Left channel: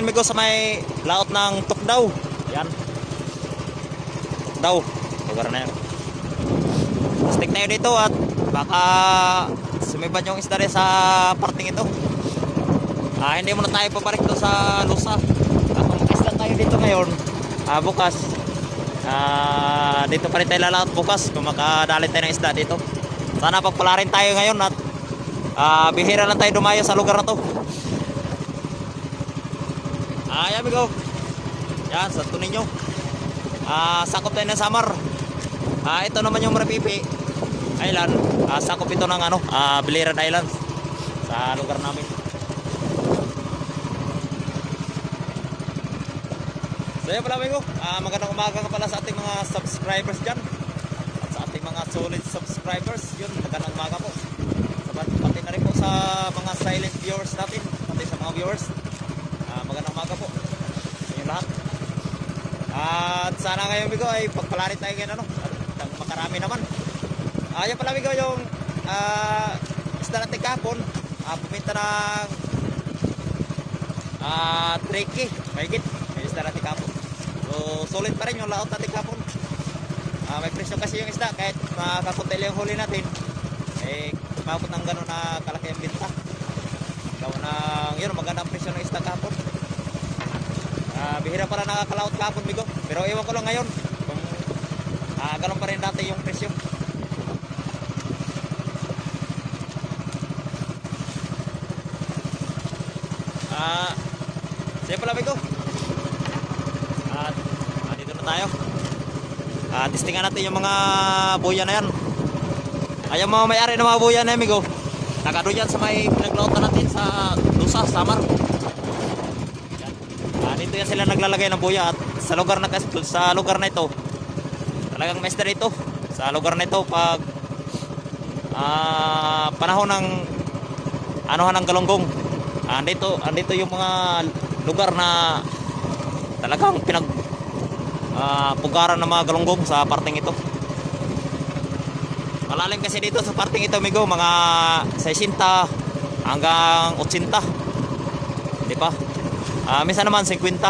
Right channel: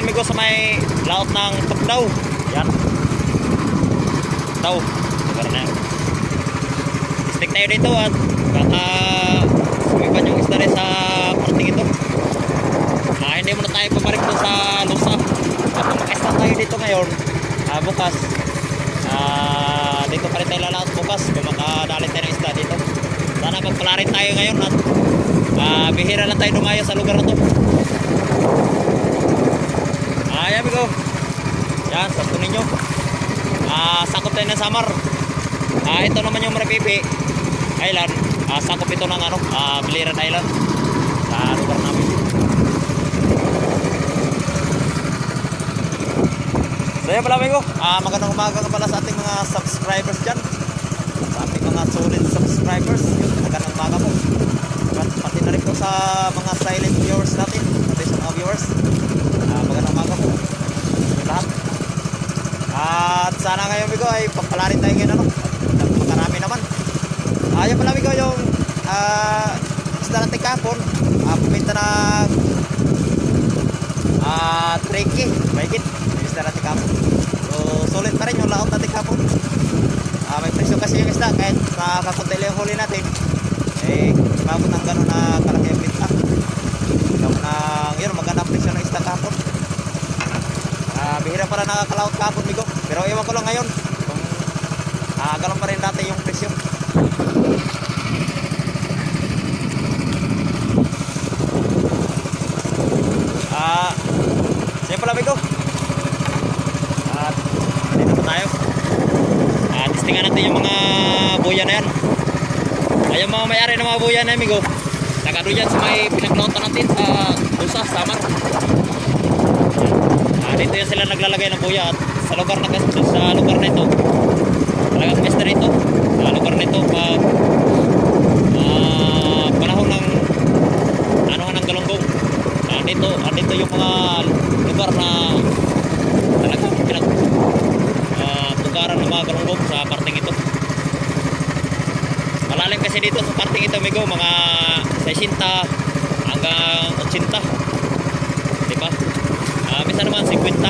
ngayon migo sa may laot ng Tugnaw. Yan. Tugnaw. Lugar na yan. Stick tayo dito at baka sumipan yung isda rin sa parting ito. Hindi muna tayo pabalik doon sa Lusa. At kung mag-stop tayo dito ngayon, bukas, dito pa rin tayo lalaot bukas kung makadali tayo ng isda dito. Sana pagpala rin tayo ngayon at bihira na tayo dumayo sa lugar na to. Ayan migo. Yan, sakto ninyo. Sakop tayo ng Samar. Ito naman yung Maripipi Island. Sakop ito ng Biliran Island sa lugar namin. So yun pala migo. Magandang umaga ka pala sa ating mga subscribers dyan. Sa ating mga solid subscribers. Yun, magandang umaga po. Pati na rin po sa mga silent viewers natin. Pati sa mga viewers. Magandang umaga po. Yun lahat. At sana ngayon migo ay pagpalarin tayo ngayon makarami naman. Ayun pala migo yung isda natin kahapon. Puminta ng 3K. Mahigit. Yung isda natin kahapon. So solid pa rin yung laot natin kahapon. May presyo kasi yung isda kahit nakakunti yung huli natin. Mabot ang gano'n na kalaki yung pinta. Yun, magandang presyo ng isda kahapon. Bihira para nakakalaot kahapon migo. Pero iwan ko lang ngayon kung gano'n pa rin dati yung presyo. Sige pala migo. Dito po tayo. Testingan natin yung mga buya na yan. Ay yung mga may-ari ng mga buya na yan migo. Nagano dyan sa may pinaglautan natin sa Lusa, Samar. Dito yan sila naglalagay ng buya at sa lugar na ito talagang best rito sa lugar na ito pag panahon ng anuhan ng galunggong. Dito yung mga lugar na talagang pugaran ng mga galunggong sa parting ito. Malalim kasi dito sa parting ito migo, mga 60 hanggang 80, diba? Minsan naman 50.